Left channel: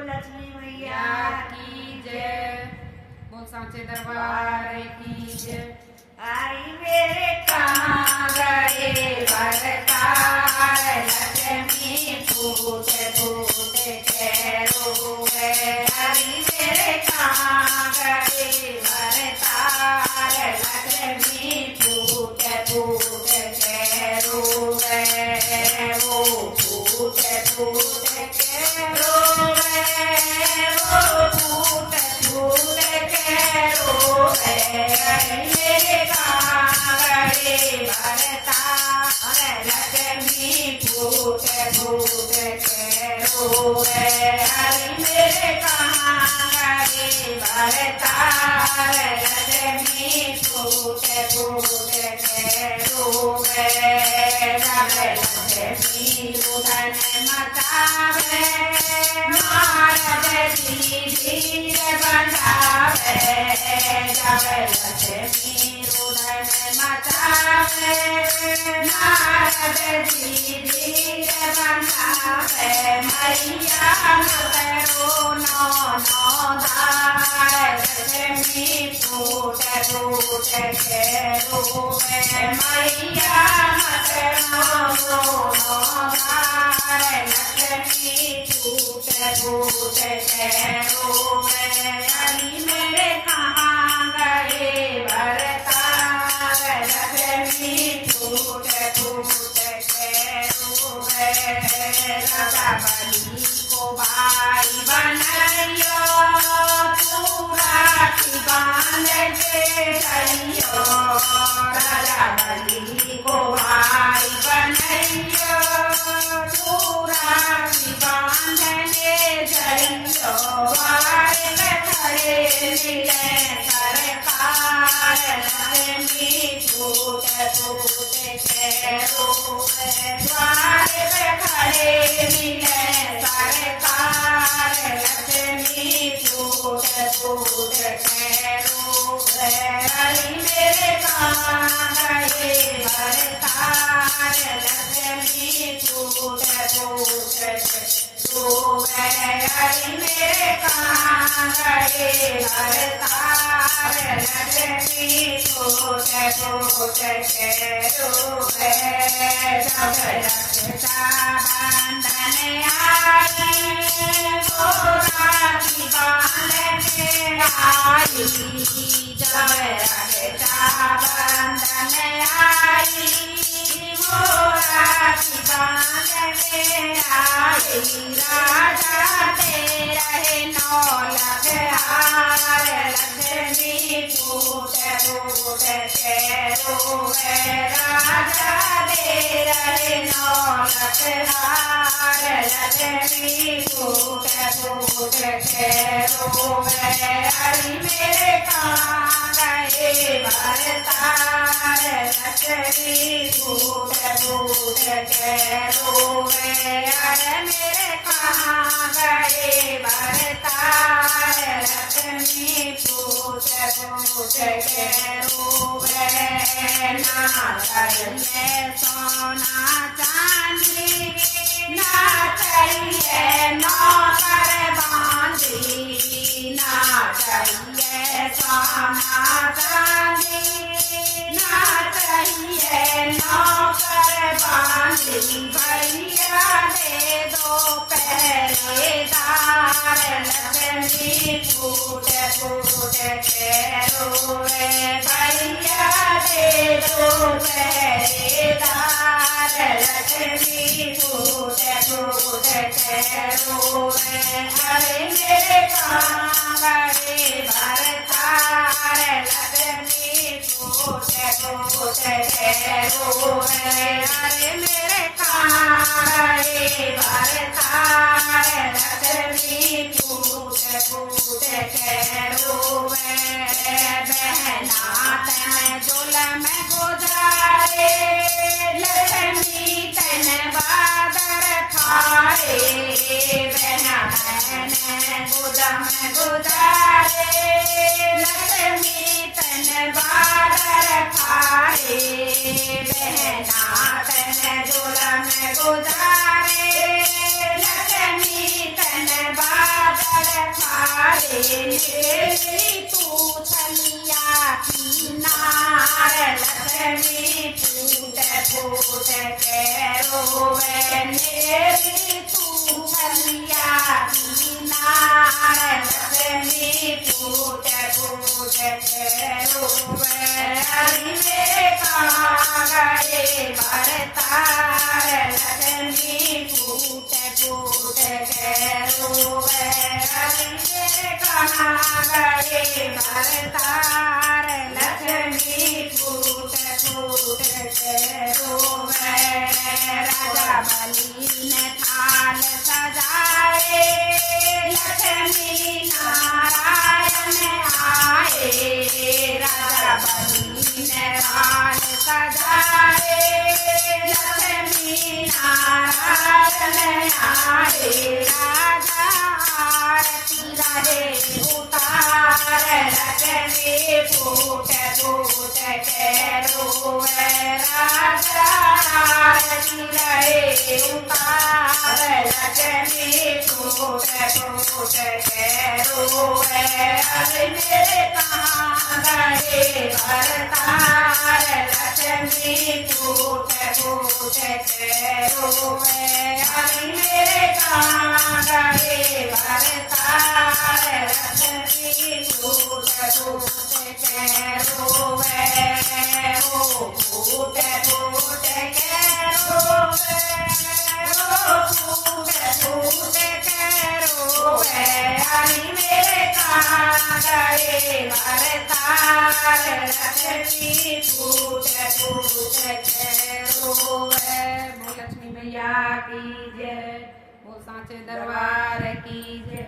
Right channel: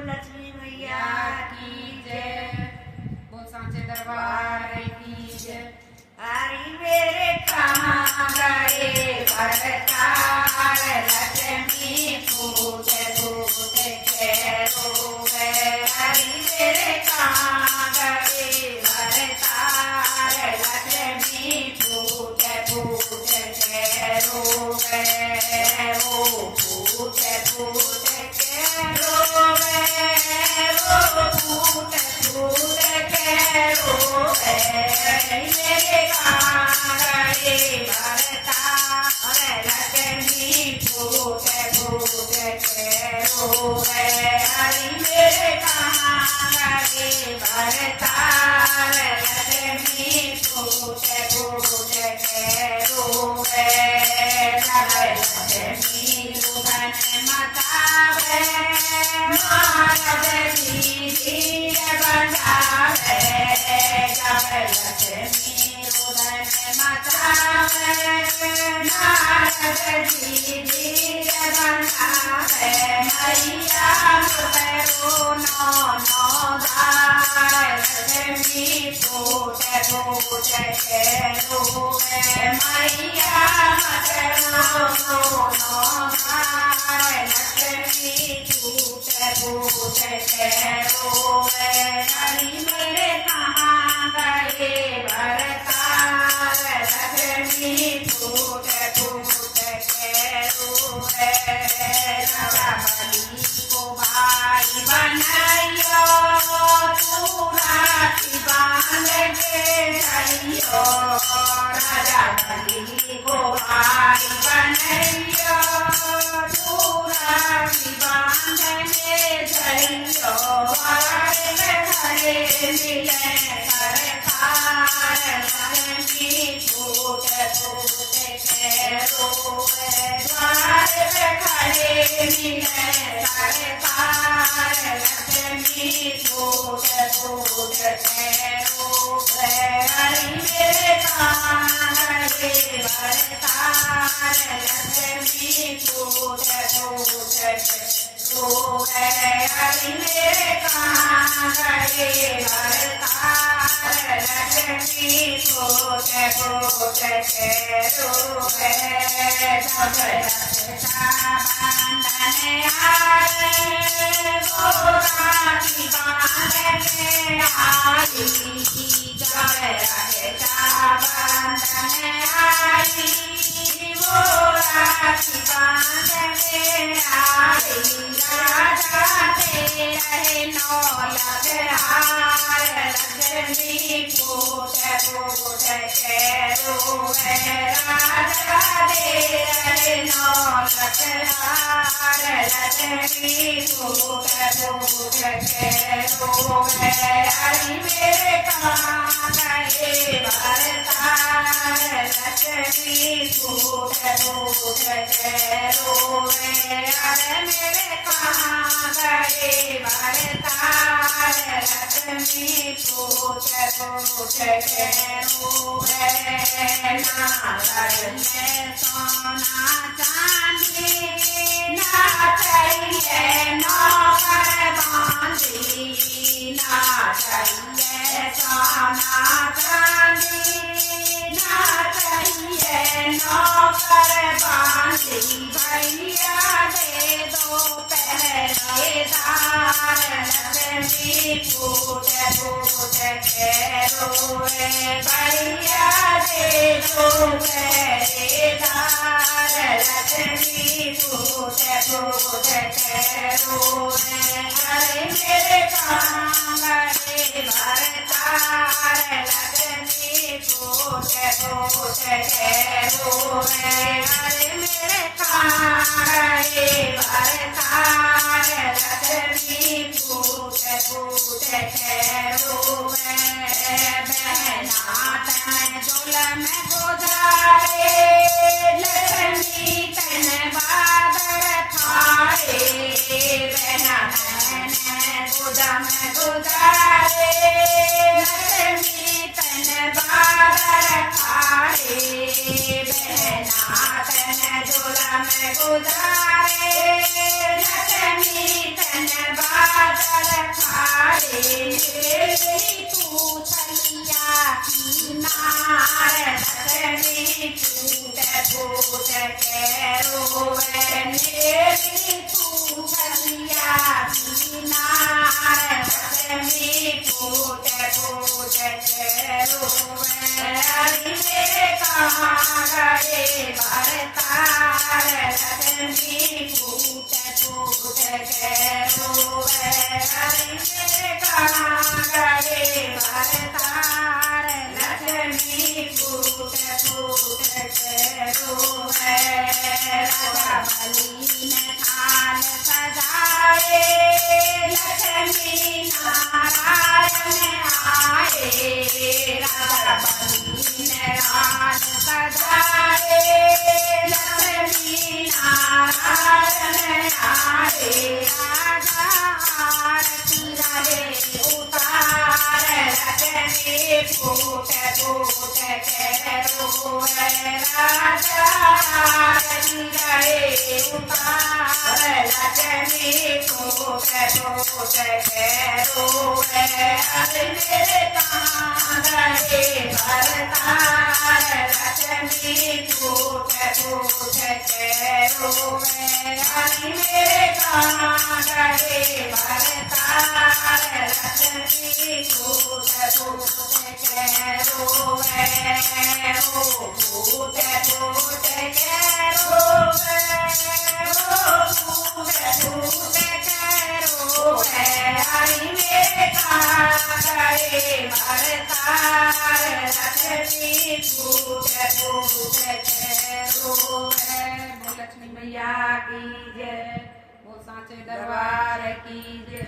लक्ष्मी मैया की जय। बोल सांचे दरबार की जय। हरि मेरे कहाँ गए भरतार लक्ष्मी पूत पूत के रोवे। हरि मेरे कहाँ गए भरतार लक्ष्मी पूत पूत के रोवे। वो पूत पूत के रोवे, वो पूत पूत के रोवे। मेरे कांगड़े भरतार लक्ष्मी पूत पूत के रोवे। हरि मेरे कांगड़े भरतार लक्ष्मी पूत पूत के रोवे। लक्ष्मी रुदन मचावे, नारद जी धीर बजावे। लक्ष्मी रुदन मचावे, नारद जी धीर बजावे। मैया करो नो दार लक्ष्मी पूत पूत के रोवे। मैया करो नो दार लक्ष्मी पूत पूत के रोवे। हरि मेरे कहाँ गए भरतार लक्ष्मी पूत पूत के रोवे। राजा बलि को भाई बनाइयो, तू राखी बांध के जाइयो। राजा बलि को भाई बनाइयो, तू राखी बांधने जाइयो। द्वार पे खड़े मिले सरकार लक्ष्मी पूत पूत के रोवे। द्वार पे खड़े मिले सरकार लक्ष्मी पूत पूत के रोवे। हरि मेरे कांगड़े भरतार लक्ष्मी पूत पूत के रोवे। हरि मेरे कांगड़े भरतार लक्ष्मी पूत पूत के रोवे। जब रक्षा बंधन आए, वो राखी बांध के आई। जब रक्षा बंधन आई, वो राखी बांध के आई। राजा दे रहे 9 लाख हार लक्ष्मी पूत पूत के रोवे। राजा दे रहे 9 लाख हार लक्ष्मी पूत पूत के रोवे। हरि मेरे कांगड़े भरतार लक्ष्मी पूत पूत के रोवे। हरि मेरे कांगड़े भरतार लक्ष्मी पूत पूत के रोवे। नागर में सोना चांदी, ना चाहिए नौकर बांधी। ना चाहिए सोना चांदी, ना चाहिए नौकर बांधी। भैया दे दो पहरेदार लक्ष्मी पूत पूत के रोवे। भैया दे दो पहरेदार लक्ष्मी पूत पूत के रोवे। हरि मेरे कांगड़े भरतार लक्ष्मी पूत पूत के रोवे। हरि मेरे कांगड़े भरतार लक्ष्मी पूत पूत के रोवे। बहना तन जुलम गुजारे, लक्ष्मी तन बादर फारे। बहना तन गुदम गुजारे, लक्ष्मी तन बादर फारे। बहना तन जुलम गुजारे, लक्ष्मी तन बादर मेरी तू थलिया किनार लक्ष्मी पूत पूत के रोवे मेरी तू थलिया किनार लक्ष्मी पूत पूत के रोवे अरे कागड़े भरतार लक्ष्मी पूत पूत के रोवे अरे कागड़े भरतार लक्ष्मी पूत पूत के रोवे राजा बलि ने थाल सजाए लक्ष्मी नारायण आए राजा बलि ने थाल सजाए लक्ष्मी नारायण आए राजा आरती करे उतार लक्ष्मी पूत पूत के रोवे राजा आरती करे उतार लक्ष्मी पूत पूत के रोवे अरे मेरे कांगड़े भरतार लक्ष्मी पूत पूत के रोवे अरे मेरे कांगड़े भरतार लक्ष्मी पूत पूत के रोवे ओ पूत पूत के रोवे ओ पूत पूत के रोवे अरे मेरे कांगड़े भरतार लक्ष्मी पूत पूत के रोवे। बोल लक्ष्मी मैया की जय, बोल सांचे दरबार की जय।